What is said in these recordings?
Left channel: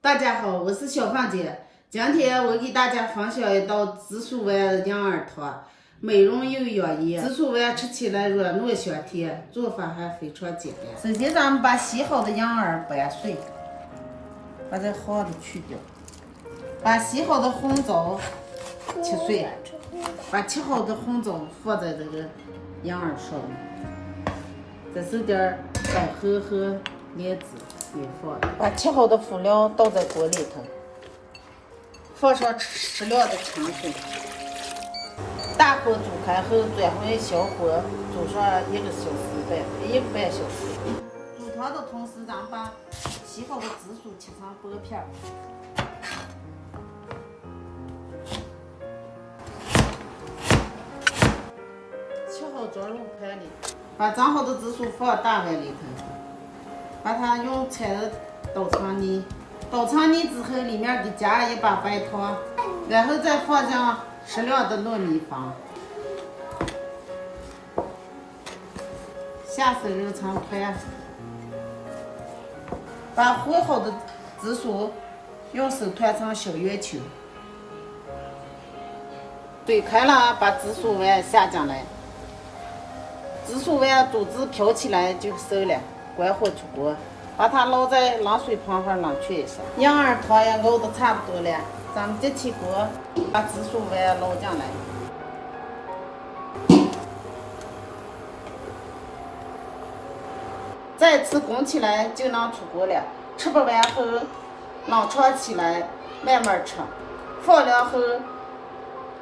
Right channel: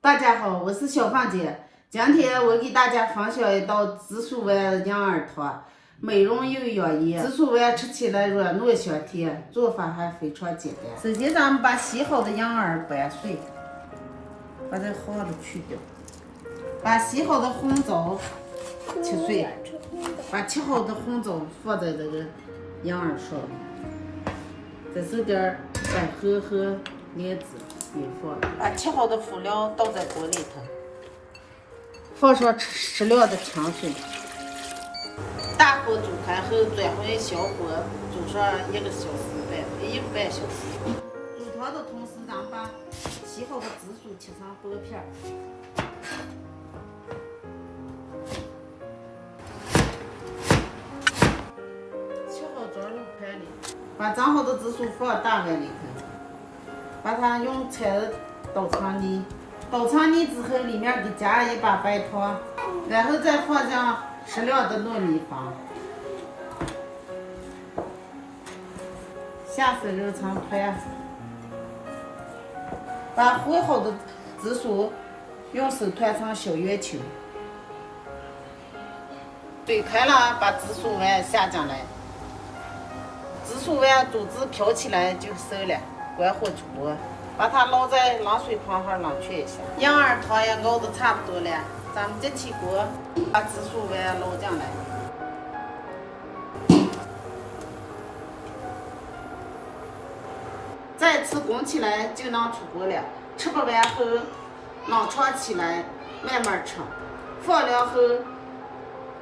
大家好，我是小芳姐。今天我给大家分享一道紫薯丸羊耳汤，美容又养颜。紫薯丸吃起来软糯香甜，做法还非常简单。首先，咱们把洗好的羊耳掰碎，把这黄的去掉，把洗好的红枣切碎，把切好的红枣放在这个羊耳上面，这时点百合和莲子。放，把切好的辅料倒在锅里头，放上适量的清水，大火煮开后转回小火煮上1个半小时。煮汤的同时，咱们把洗好的紫薯切成薄片，切好装入盘里，把蒸好的紫薯放大碗里头。把它用铲子捣成泥，捣成泥之后，里面给加一把白糖，然后再放进适量的糯米粉，下手揉成团，把和好的紫薯用手团成小圆球，水开了，把紫薯丸下进来，紫薯丸肚子飘起来就熟了。关火煮锅，把它捞在冷水盆上冷却一下。羊耳汤也熬得差不多了，咱们再起锅，把紫薯丸捞进来，再次滚起来就能出锅了。吃不完后冷藏起来慢慢吃，放凉后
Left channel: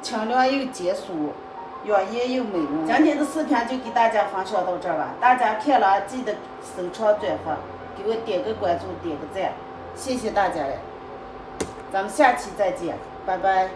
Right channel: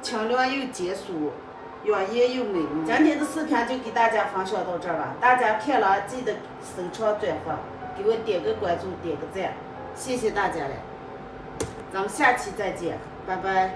清凉又解暑。养颜又美容。今天的视频就给大家分享到这儿吧，大家看了记得收藏转发，给我点个关注，点个赞，谢谢大家了，咱们下期再见，拜拜。